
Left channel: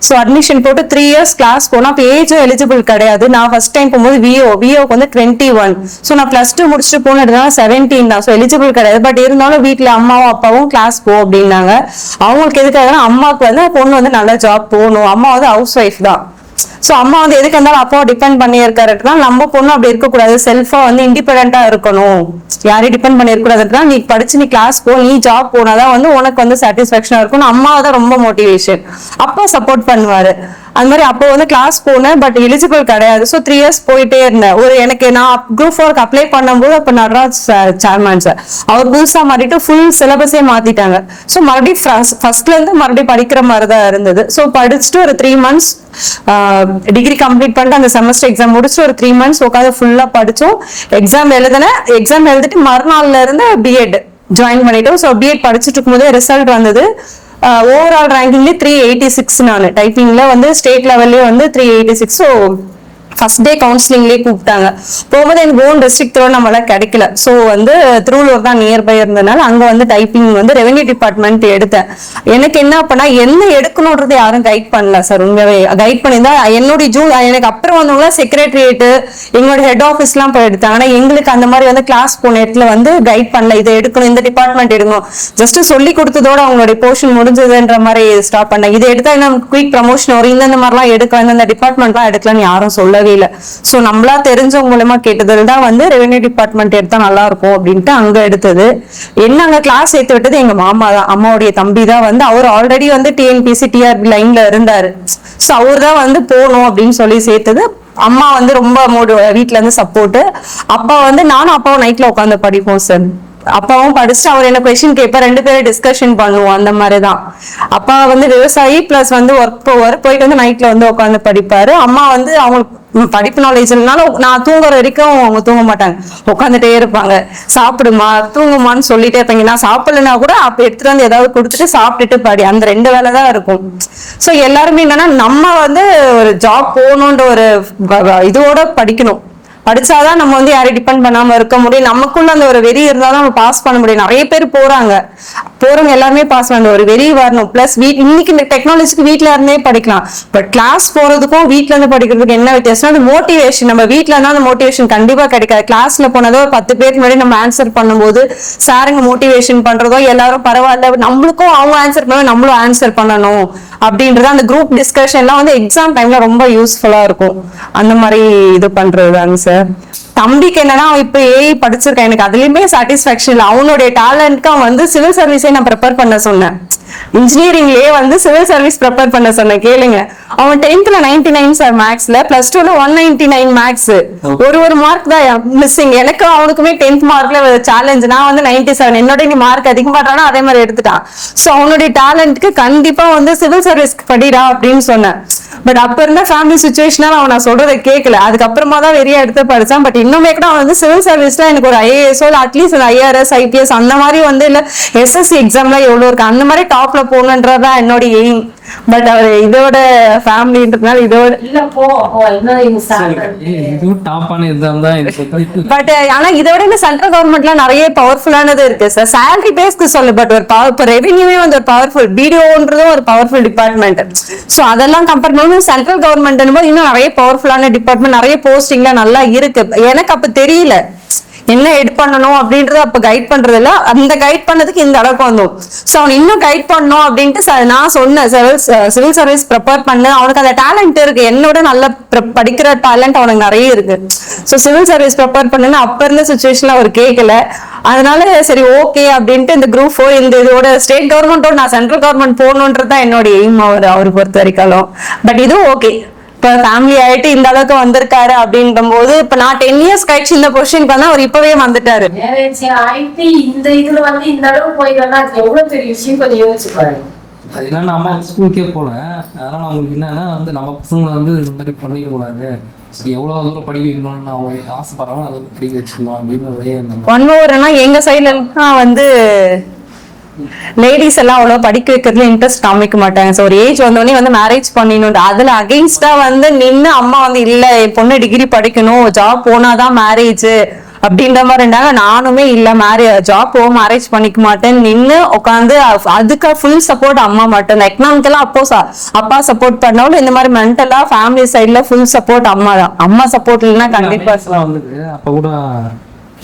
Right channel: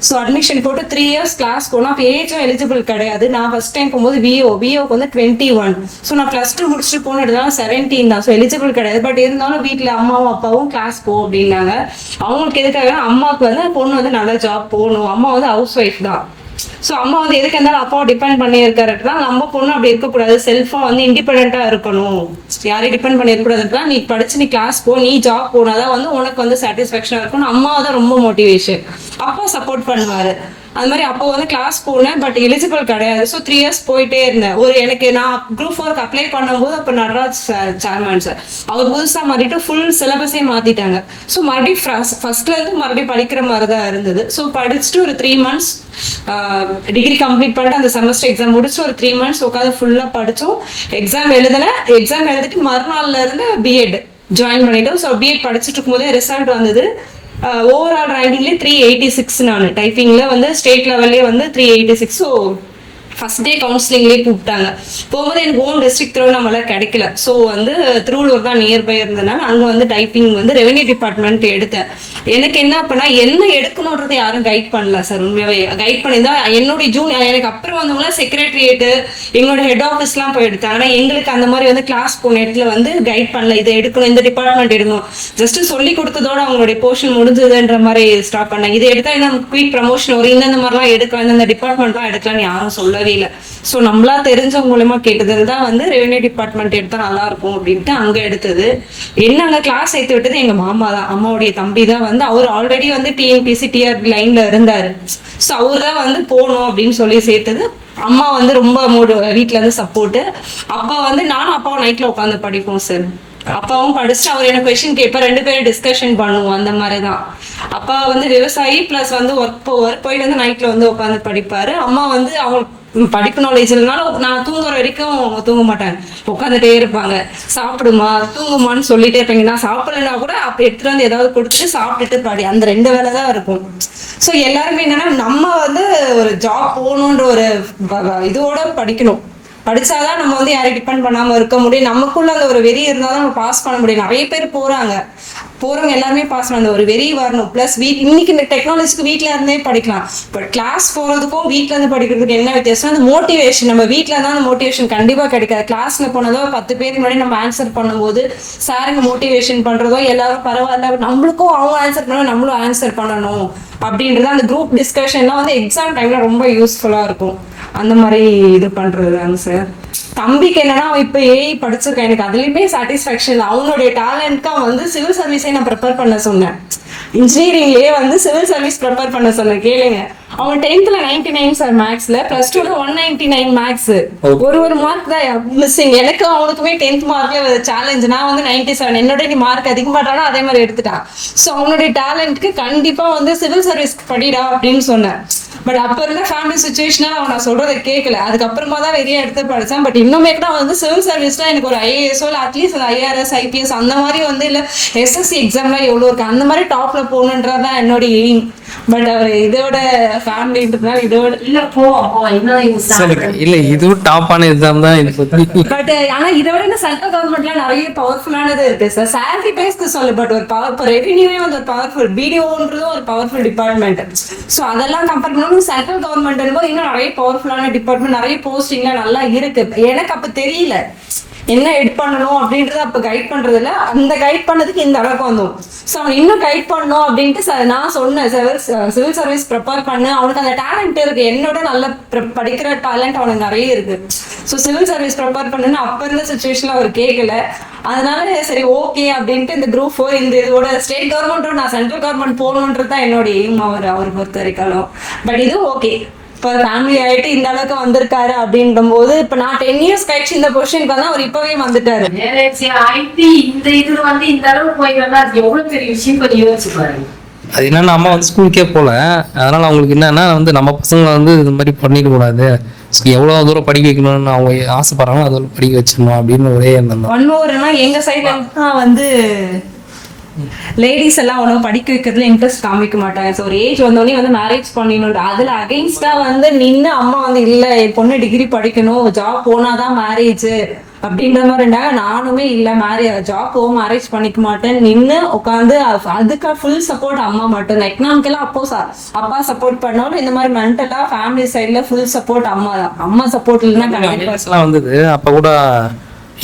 ஸோ அட்மிஷன் போட்டு 3 years கிளாஸ் போனா அப்போ ஏஜும் எலிஜிபிள் கிடையாது. நான் ஃபர்ஸ்ட் டைம் போகும்போது விஓக்கு வந்து 21. ஸோ நான் +2 முடிச்சுட்டு போனதுனால 17 தான். ஸோ எலிஜிபிள் கிடையாது. பட் இருந்தாலும் வீட்டுல அம்மாவும் அப்பாவும் கிளாஸ் போ அப்படின்னாங்க. அவங்களுக்கு எதுக்காக, அம்மாவுக்கு வந்து பொண்ணு வந்து நல்ல ஜாப் போகணும். அம்மா வந்து ஹவுஸ் ஒய்ஃப் தான். சோ அம்மா வந்து எதுக்கு இருந்தாலும் அப்பாவை டிபெண்ட் பண்ணி இருக்காருன்னா நம்ம பொண்ணு அப்படி இருக்கக்கூடாது, செல்ஃபா வந்து இண்டிபெண்டா இருக்கணும், யாரையும் டிபெண்ட் பண்ணி இருக்கக்கூடாதுன்னா நீ படிச்சு நீ கிளாஸ் போ, நீ ஜாப் போனாதான் வந்து உனக்கு வந்து சாட்டிஸ்பாக்சனா இருக்கும். அம்மா தான் ரொம்ப மோட்டிவேஷன், அப்பா சப்போர்ட் பண்ணுவாரு. அது மாதிரி அப்போ வந்து கிளாஸ் போனேன். பட் எலிஜிபிள் கிடையாது. ஸோ 3 years போயிட்டே இருந்தேன். எனக்கு நான் குரூப் 4 அப்ளை பண்ணும்போது அப்போ நடராஜ் சேர்மன் சார் அவர் புதுசா மாறிட்டு ஃபுல் சிலபஸே மாத்திட்டாங்க. ஸோ மறுபடியும் ஃபர்ஸ்ட்ல இருந்து மறுபடியும் படிக்கிற மாதிரி தான் இருந்தது. ஸோ படிச்சுட்டு ஒரு 3 months டிகிரி கம்ப்ளீட் பண்ணிட்டு அந்த செமஸ்டர் எக்ஸாம் முடிச்சுட்டு ஒரு 3 months உட்காந்து ஃபுல்லா படிச்சோம். எக்ஸாம் எழுதினேன். எக்ஸாம் எழுதிட்டு மறுநாள்ல இருந்து பிஎட் ஜாயின் பண்ணிட்டோம். ஸோ பிஎட் படிச்சுட்டு இருக்கும் போதே ரிசல்ட் வந்தது. ஓவரால் ரேங்கிங்ல 386. நான் டைப்பிங்ல வந்து ஸ்டேட் லெவல்லே வந்து 386. ஸோ ஃபர்ஸ்ட் டே கவுன்சிலிங்லேயே கூப்பிட்டாங்க. போகும்போது எனக்கு ஓன் டிஸ்ட்ரிக்ட் திருவண்ணாமலை கிடைக்கல. ஸோ வந்து திருவள்ளூர் தான் நியர்பை இருந்ததுனால அங்கே வந்து டைப்பிங் வந்து ரெவன்யூ டிபார்ட்மெண்ட் எடுத்தேன். எனக்கு என்ன பண்ணா என்ன எடுக்கணுன்றது யாரும் கைட் பண்ணல சார். உண்மையாவே கைட் பண்ணியிருந்தா என்னுடைய எனக்கு அப்புறம் வந்தவங்கள செக்ரட்டரியேட்டு எங்களோட ஹெட் ஆஃபீஸ்லாம் போய் எடுத்தாங்க. ஆனால் எங்களுக்கு அந்த மாதிரி வந்து கிளாஸ் போன இடத்துல வந்து கைட் பண்ணல, இதை எடுக்கணும், இந்த டிபார்ட்மெண்ட் எடுக்கணும். ஜஸ்ட் சொல்லி கொடுத்ததோட அவங்களுடைய போர்ஷன் முடிஞ்சதுன்ற மாதிரி ஸ்டாப் பண்ணேன். இதை எடுத்தா என்ன குயிக் ப்ரமோஷன் வரும், இந்த மாதிரிலாம் எடுக்கலாம், இந்த டிபார்ட்மெண்ட்லாம் எடுக்கலாம்னு யாரும் சொல்லவே வகையில. ஸோ நம்மளா தெரிஞ்சவங்க மூலமா கேட்டதில் தான் வந்து ரெவென்யூ டிபார்ட்மெண்ட் எடுத்தா நல்லா இருக்கும் அப்படின்ட்டு அங்க எடுத்தது. என்ன அங்க கிளாஸ் சேர்த்து விட்டது எங்க மாமா தான், அம்மாவுடைய தம்பி தான். வந்து அவர் ஆல்ரெடி வந்து டிஎன்பிசி டிஆர்பி லைன்ல இருந்தாரு. ஸோ அவர் தான் வந்து போகணும் அப்படின்னு சொல்லி சேர்த்தது. அம்மா வந்து ரொம்ப வீட்டுல இருந்து சப்போர்ட். அப்பா வந்து நானும் அப்பாவும் நைட்ல உட்காந்து படிப்போம் சார். அப்பாவும் படிச்சுட்டு அவர் என்ன கொஸ்டின் கேட்பா, 2 பேரும் டிஸ்கஷன் பண்ணுவோம். அந்த மாதிரிதான். அப்பா வந்து விவசாயி பிளஸ் வந்து ஒர்க் போவார், போயிட்டு வந்து நைட்ல வந்து உட்காந்து படிப்பாரு. அம்மா வந்து அவங்களுக்கு படிப்பு நாலேஜ் இல்லைனால நான் தூங்குற வரைக்கும் அவங்க தூங்க மாட்டாங்க, உட்காந்துட்டே இருப்பாங்க. சாப்பிடுமா தூங்குமான்னு சொல்லிட்டே இருப்பாங்க. நான் சாப்பிடலன்னா கூட அப்ப எடுத்துட்டு வந்து ஏதாவது கொடுத்துட்டு சாப்பிட்டுட்டு படி, அந்த 2 வேலை தான் இருக்கும். ஸோ எல்லாருமே என்னன்னா நம்ம வந்து ஒரு ஜாப் போகணுன்ற ஒரு இதோட படிக்கணும். படிச்சாதான் நம்ம வந்து யாரையும் டிபெண்ட் பண்ணாம இருக்க முடியும். நமக்குள்ள அந்த ஒரு வெறி இருந்தாதான் நம்ம பாஸ் பண்ண முடியும். நிறைய பேர் போறவங்க எல்லாருமே பாஸ் பண்ண ஒரு வெறி வரணும். பிளஸ் இன்னைக்கு இந்த டெக்னாலஜிக்கு வீட்டுல இருந்தே படிக்கலாம். பட் கிளாஸ் போறதுக்கும் வீட்டுல இருந்து படிக்கிறதுக்கு என்ன வித்தியாசம்? அந்த மோட்டிவேஷன் நம்ம வீட்டுல இருந்தா அந்த மோட்டிவேஷன் கண்டிப்பா கிடைக்காது. கிளாஸ்ல போனதோ 10 பேருக்கு முன்னாடி நம்ம ஆன்சர் பண்ணும்போது சாருங்க மோட்டிவேஷன் பண்றதோ எல்லாரும் பரவாயில்ல, நம்மளுக்கும் அவங்க ஆன்சர் பண்ண நம்மளும் ஆன்சர் பண்ணணும் அப்படின்றது அந்த குரூப் டிஸ்கஷன்லாம் வந்து எக்ஸாம் டைம்ல ரொம்ப யூஸ்ஃபுல்லா இருக்கும். அந்த மாதிரி இது பண்றதுதாங்க சார். தம்பிக்கு என்னன்னா அவன் இப்ப ஏஐ படிச்சிருக்கான், எனக்கு அதுலயுமே சாட்டிஸ்பாக்சன் இல்லை. அவனுடைய டேலண்ட்க்கு அவன் வந்து சிவில் சர்வீஸே நான் ப்ரிப்பேர் பண்ண சொன்னேன். இன்ஜினியரிங்லயே வந்து சிவில் சர்வீஸ் ப்ரிப்பேர் பண்ண சொன்னேன். கேளுங்க, அவன் 10th 99 சார் மேக்ஸ்ல, +2 199 மேக்ஸ். ஒரு மார்க் தான் மிஸ்ஸிங். எனக்கு அவனுக்குமே 10th மார்க்ல சேலஞ்ச். நான் வந்து 97, என்னோட நீ மார்க் அதிகமாட்டானா அதே மாதிரி எடுத்துட்டான். சோ அவனுடைய டேலண்ட்க்கு கண்டிப்பா வந்து சிவில் சர்வீஸ் படிடா அப்படின்னு சொன்னேன். பட் அப்ப இருந்த ஃபேமிலி சுச்சுவேஷனால அவன் நான் சொல்றதை கேட்கல. அதுக்கப்புறமா தான் வெறியா எடுத்து படிச்சான். பட் இன்னுமே கூட அவன் வந்து சிவில் சர்வீஸ்ல எனக்கு ஒரு ஐஏஎஸ்ஓ இல்ல அட்லீஸ்ட் IRS IPS அந்த மாதிரி வந்து இல்ல SSC எக்ஸாம்ல எவ்வளவு இருக்கு அந்த மாதிரி டாப்ல போகணுன்றதுதான் என்னோட எய்ம். பட் அவர் இதோட ஃபேமிலின்றதுனால இதோட இல்ல போ இல்ல இதுவும் டாப்பான எக்ஸாம் தான் இது. பட் ஆனா இதை விட இந்த சென்ட்ரல் கவர்மெண்ட்ல நிறைய பவர்ஃபுல்லானது இருக்கு சார். சேலரி பேஸ்க்கு சொல்லு, பட் ஒரு இப்போ ரெவென்யூவே வந்து ஒரு பவர்ஃபுல், BDOன்றதும் ஒரு பவர்ஃபுல் டிபார்ட்மெண்ட். சோ அதெல்லாம் கம்பேர் பண்ணும்போது சென்ட்ரல் கவர்மெண்ட் இன்னும் நிறைய பவர்ஃபுல்லான டிபார்ட்மெண்ட், நிறைய போஸ்டிங்ல நல்லா இருக்கு. எனக்கு அப்ப தெரியல என்ன எட் பண்ணணும் அப்படின்றது, அப்ப கைட் பண்றது இல்ல. அந்த கைட் பண்ணதுக்கு இந்த அளவுக்கு வந்தோம். சோ அவன் இன்னும் கைட் பண்ணணும் அப்படின்ட்டு நான் சொன்னேன், சிவில் சர்வீஸ் ப்ரிப்பேர் பண்ணு, அவனுக்கு அந்த டேலண்ட் இருக்கு, என்னோட நல்ல படிக்கிற டேலண்ட் அவனுக்கு நிறைய இருக்கு. சோ சிவில் சர்வீஸ் ப்ரிப்பேர் பண்ணுன்னு அப்ப இருந்த சுச்சுவேஷன்ல அவர் கேட்கல. அதனால சரி ஓகே அப்படின்ட்டு இந்த குரூப் 4 இந்த இதோட ஸ்டேட் கவர்மெண்டோட நான் சென்ட்ரல் கவர்மெண்ட் போகணுன்றதுதான் என்னோட எய்ம் அவர் பொறுத்த வரைக்கும். பட் இதுவும் ஓகே, இப்ப ஃபேமிலி ஆயிட்டு இந்த அளவுக்கு வந்திருக்காரு அப்படின்ற போது இப்ப நான் 10 இயர்ஸ் கழிச்சு இந்த பொசிஷனுக்கு வந்தா அவர் இப்பவே வந்துட்டாரு. இந்த இதுல வந்து இந்த அளவுக்கு போயிட்டா எவ்வளவு பெரிய விஷயம் கொஞ்சம் யோசிச்சு பாருங்க. அது என்னன்னா அம்மா வந்து ஸ்கூலுக்கே போல, அதனால அவங்களுக்கு என்னன்னா வந்து நம்ம பசங்களை வந்து இது மாதிரி பண்ணிட கூடாது, எவ்வளவு தூரம் படிக்க வைக்கணும்னு அவங்க ஆசைப்படுறாங்க அது படிக்க வச்சுக்கணும் அப்படின்னு ஒரே எண்ணம். ஒன் ஓவர்னா எங்க சைட்ல வந்து லேடிஸ் எல்லாம் அவ்வளவு படிக்க வைக்கிறதுல இன்ட்ரெஸ்ட் காமிக்க மாட்டாங்க. ஸோ ஒரு ஏஜ் வந்தோடனே வந்து மேரேஜ் பண்ணிடணும், அதுல அகெயின்ஸ்டா வந்து நின்று அம்மா வந்து இல்ல என் பொண்ணு டிகிரி படிக்கணும், ஜாப் போனாதான் மேரேஜ் அப்படின்ற மாதிரி இருந்தாங்க. நானுமே இல்ல ஜாப் போக மேரேஜ் பண்ணிக்க மாட்டேன் நின்று உட்காந்து அதுக்கு ஃபுல் சப்போர்ட் அம்மா மட்டும். எக்கனாமிக்கலா அப்பா சப்போர்ட் பண்ணாலும் இந்த மாதிரி மென்டலா ஃபேமிலி சைட்ல ஃபுல் சப்போர்ட் அம்மா தான். அம்மா சப்போர்ட் இல்லைன்னா கண்டிப்பா வந்தது. அப்ப கூட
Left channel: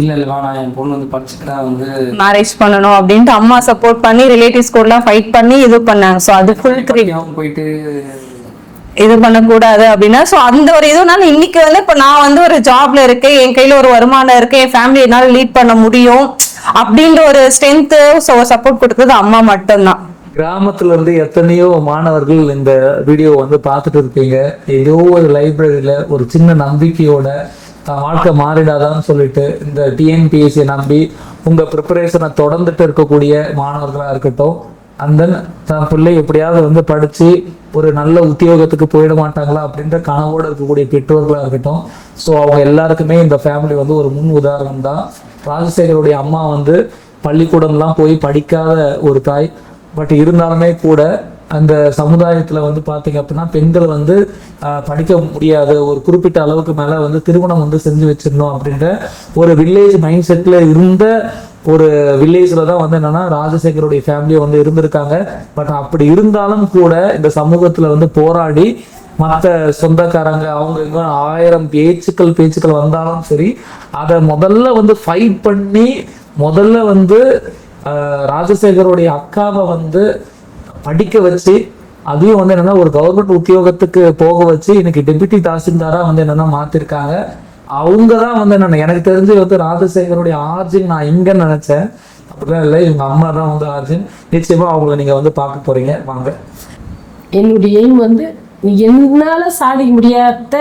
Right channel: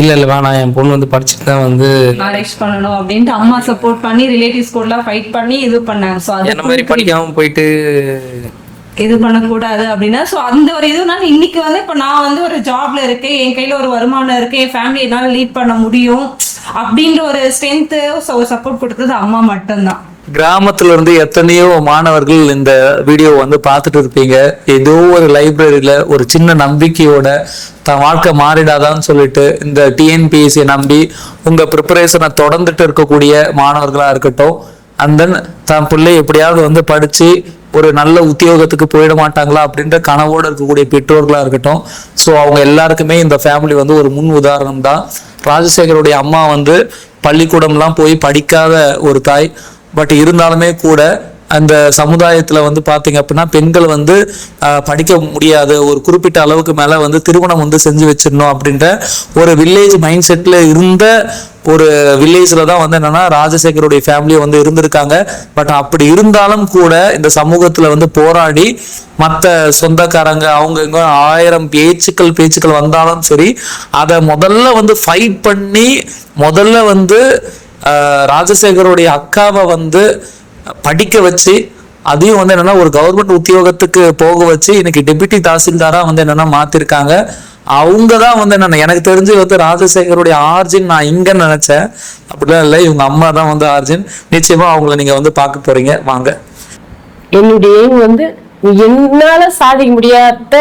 இல்ல வேணாம் என் பொண்ணு வந்து படிச்சுட்டு தான் வந்து மேரேஜ் பண்ணணும் அப்படின்ட்டு அம்மா சப்போர்ட் பண்ணி ரிலேட்டிவ்ஸ் கூட ஃபைட் பண்ணி இது பண்ணாங்க. சோ அது படிக்காம போயிட்டு இது பண்ணக்கூடாது அப்படின்னா சோ அந்த ஒரு இதுனால இன்னைக்கு வந்து இப்ப நான் வந்து ஒரு ஜாப்ல இருக்கேன், என் கையில ஒரு வருமானம் இருக்கு, என் ஃபேமிலி என்னால லீட் பண்ண முடியும் அப்படின்ற ஒரு ஸ்ட்ரென்த் சப்போர்ட் கொடுத்தது அம்மா மட்டும்தான். கிராமத்துல இருந்து எத்தனையோ மாணவர்கள் இந்த வீடியோ வந்து பார்த்துட்டு இருப்பீங்க. ஏதோ ஒரு லைப்ரரியில ஒரு சின்ன நம்பிக்கையோட தன் வாழ்க்கை மாறிடாதான்னு சொல்லிட்டு இந்த டிஎன்பிஎஸ்சியை நம்பி உங்க ப்ரிப்பரேஷனை தொடர்ந்துட்டு இருக்கக்கூடிய மாணவர்களா இருக்கட்டும், அண்ட் தென் தன் பிள்ளை எப்படியாவது வந்து படிச்சு ஒரு நல்ல உத்தியோகத்துக்கு போயிட மாட்டாங்களா அப்படின்ற கனவோடு இருக்கக்கூடிய பெற்றோர்களா இருக்கட்டும். ஸோ அவங்க எல்லாருக்குமே இந்த ஃபேமிலி வந்து ஒரு முன் உதாரணம் தான். ராஜசேகருடைய அம்மா வந்து பள்ளிக்கூடம்லாம் போய் படிக்காத ஒரு தாய். பட் இருந்தாலுமே கூட அந்த சமுதாயத்துல வந்து பாத்தீங்க அப்படின்னா பெண்கள் வந்து படிக்க முடியாது, ஒரு குறிப்பிட்ட அளவுக்கு மேல வந்து திருமணம் வந்து செஞ்சு வச்சிடணும் அப்படின்ற ஒரு வில்லேஜ் மைண்ட் செட்ல இருந்த ஒரு வில்லேஜ்ல தான் வந்து என்னன்னா ராஜசேகருடைய ஃபேமிலியை வந்து இருந்திருக்காங்க. பட் அப்படி இருந்தாலும் கூட இந்த சமூகத்துல வந்து போராடி மற்ற சொந்தக்காரங்க அவங்க 1000 பேச்சுக்கள் வந்தாலும் சரி அதை முதல்ல வந்து ஃபைட் பண்ணி முதல்ல வந்து ராஜசேகருடைய அக்காவை வந்து படிக்க வச்சு அதையும் வந்து என்னன்னா ஒரு கவர்மெண்ட் உத்தியோகத்துக்கு போக வச்சு இன்னைக்கு டெபுட்டி தாசில்தாரா வந்து என்னன்னா மாத்திருக்காங்க. அவங்க தான் வந்து என்னன்னா எனக்கு தெரிஞ்சு வந்து ராஜசேகருடைய ஆர்ஜின் நான் இங்கன்னு நினைச்சேன். அப்படிலாம் இல்லை, இவங்க அம்மா தான் வந்து ஆர்ஜின். நிச்சயமா அவங்கள நீங்க வந்து பார்க்க போறீங்க, வாங்க. என்னுடைய aim வந்து என்னால சாதிக்க முடியாத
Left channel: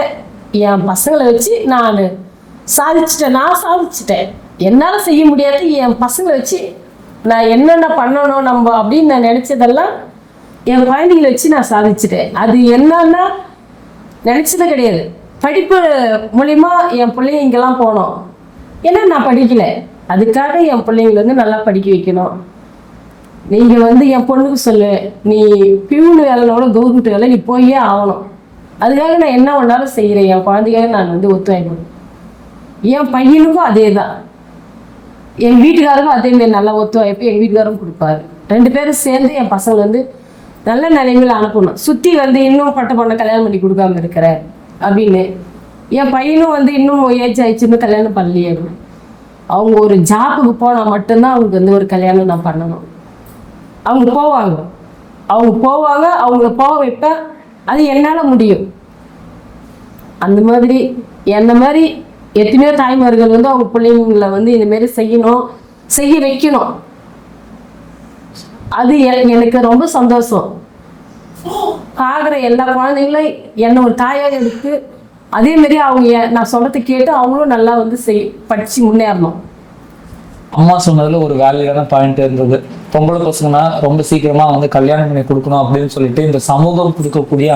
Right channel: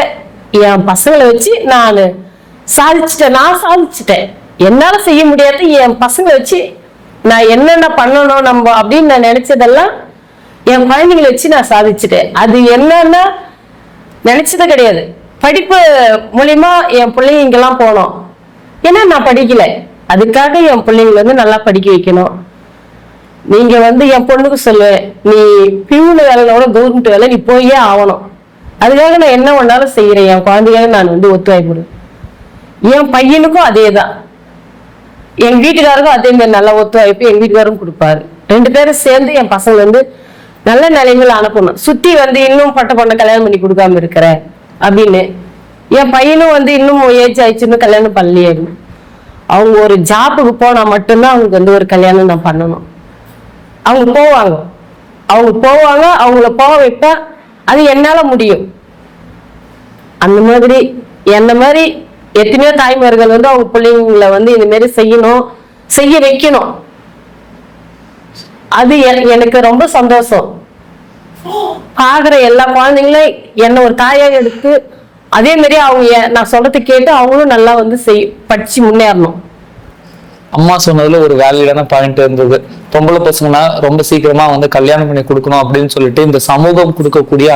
என் பசங்களை வச்சு நான் சாதிச்சிட்டேன். என்னால செய்ய முடியாத என் பசங்களை வச்சு நான் என்னென்ன பண்ணணும் நம்ம அப்படின்னு நான் நினைச்சதெல்லாம் என் குழந்தைங்களை வச்சு நான் சாதிச்சிட்டேன். அது என்னன்னா நினைச்சதே கிடையாது. படிப்பு மூலியமா என் பிள்ளைங்க இங்கெல்லாம் போனோம். ஏன்னா நான் படிக்கல, அதுக்காக என் பிள்ளைங்களை வந்து நல்லா படிக்க வைக்கணும். நீங்க வந்து என் பொண்ணுக்கு சொல்லுவேன், நீ பியூனு வேலையோட கவர்மெண்ட் வேலை நீ போயே ஆகணும். அதுக்காக நான் என்ன ஒன்னாலும் செய்யறேன். என் குழந்தையாக நான் வந்து ஒத்துழைப்பு. என் பையனுக்கும் அதே தான், எங்க வீட்டுக்காருக்கும் அதே மாதிரி நல்ல ஒத்துழைப்பு எங்க வீட்டுக்காரும் கொடுப்பாரு. 2 பேரும் சேர்ந்து என் பசங்க வந்து நல்ல நிலைமையில அனுப்பணும். சுத்தி வந்து இன்னும் பொண்ணை கல்யாணம் பண்ணி கொடுக்காம இருக்கிற அப்படின்னு. என் பையனும் வந்து இன்னும் ஏஜ் ஆயிடுச்சுன்னு கல்யாணம் பண்ணலையே. அவங்க ஒரு ஜாப்புக்கு போனா மட்டும்தான் அவங்களுக்கு வந்து ஒரு கல்யாணம் நான் பண்ணணும். அவங்க போவாங்க, அவங்கள போக வைப்பா. அது என்னால முடியும். அந்த மாதிரி என்ன மாதிரி எத்தனையோ தாய்மார்கள் வந்து அவங்க பிள்ளைங்களை வந்து இந்த மாதிரி செய்ய வைக்கணும். அது எனக்கு ரொம்ப சந்தோஷம். பாக்குற எல்லா குழந்தைங்களும் என்ன ஒரு தாயாக எடுத்து அதே மாதிரி அவங்க நான் சொல்றதை கேட்டு அவங்களும் நல்லா வந்து படிச்சு முன்னேறணும். அம்மா சொன்னதுல ஒரு வேலிடான பாயிண்ட் இருந்தது. பொம்பளை பசங்கன்னா ரொம்ப சீக்கிரமா வந்து கல்யாணம் பண்ணி கொடுக்கணும் அப்படின்னு சொல்லிட்டு இந்த சமூகம் கொடுக்கக்கூடிய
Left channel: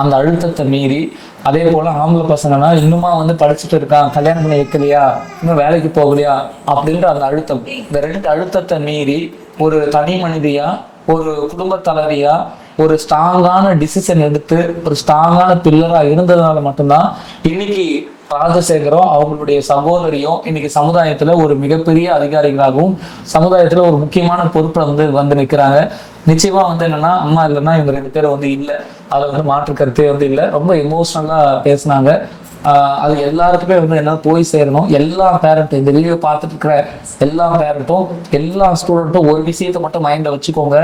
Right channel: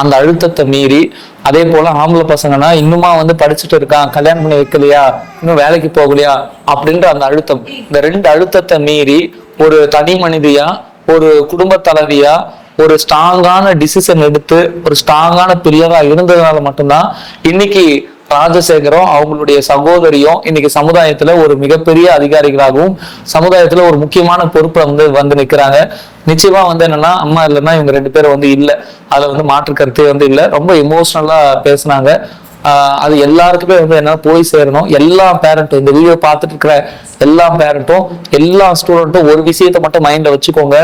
அந்த அழுத்தத்தை மீறி, அதே போல ஆம்பளை பசங்கன்னா இன்னுமா வந்து படிச்சுட்டு இருக்கான், கல்யாணம் பண்ணி வைக்கலையா, இன்னும் வேலைக்கு போகலையா அப்படின்ற அந்த அழுத்தம். இந்த 2 அழுத்தத்தை மீறி ஒரு தனி மனிதியா, ஒரு குடும்ப தலைவியா, ஒரு ஸ்ட்ராங்கான டிசிஷன் எடுத்து ஒரு ஸ்ட்ராங்கான பிரியரா இருந்ததுனால மட்டும்தான் இன்னைக்கு ராஜசேகரும் அவங்களுடைய சகோதரியும் இன்னைக்கு சமுதாயத்துல ஒரு மிகப்பெரிய அதிகாரிகளாகவும் சமுதாயத்துல ஒரு முக்கியமான பொறுப்பை வந்து நிக்கிறாங்க. நிச்சயமா வந்து என்னன்னா அம்மா இல்லைன்னா இவங்க 2 பேரும் வந்து இல்லை, அதுல வந்து மாற்று கருத்தே வந்து இல்லை. ரொம்ப எமோஷனலா பேசினாங்க. அது எல்லாருக்குமே வந்து என்ன போய் சேரணும். எல்லா பேரண்ட்டும், இந்த வீடியோ பார்த்துட்டு இருக்கிற எல்லா பேரண்ட்டும், எல்லா ஸ்டூடெண்ட்டும் ஒரு விஷயத்த மட்டும் மைண்ட்ல வச்சுக்கோங்க.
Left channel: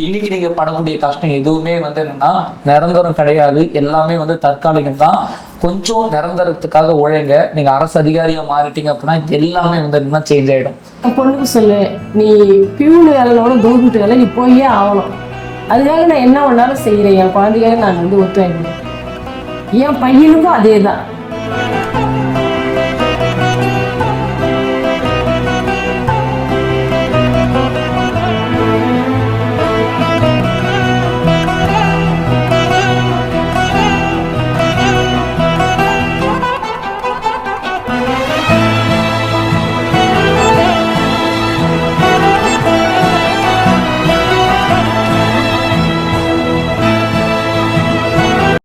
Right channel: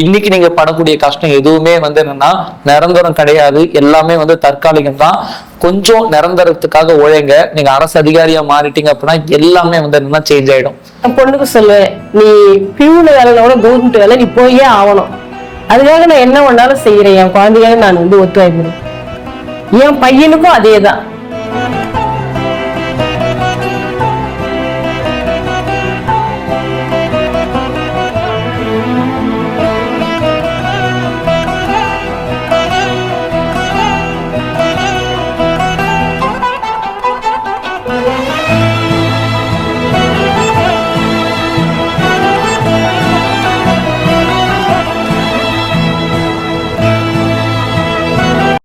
இன்னைக்கு நீங்க படக்கூடிய கஷ்டம் எதுவுமே வந்து என்னன்னா நிரந்தரம் கிடையாது. எல்லாமே வந்து தற்காலிகம் தான். கொஞ்சம் நிரந்தரத்துக்காக உழைங்க. நீங்க அரசு அதிகாரியா மாறிட்டீங்க அப்படின்னா எல்லாமே வந்து என்னன்னா சேஞ்ச் ஆயிடும். என் பொண்ணுக்கு சொல்லுவேன், நீ பியூனு வேலையோட கவர்மெண்ட் வேலை நீ போயே ஆகணும். அதுக்காக நான் என்ன ஒன்னாலும் செய்யறேன். என் குழந்தையாக நான் வந்து ஒத்துழைக்கிறேன். என் பையனுக்கும் அதே தான்.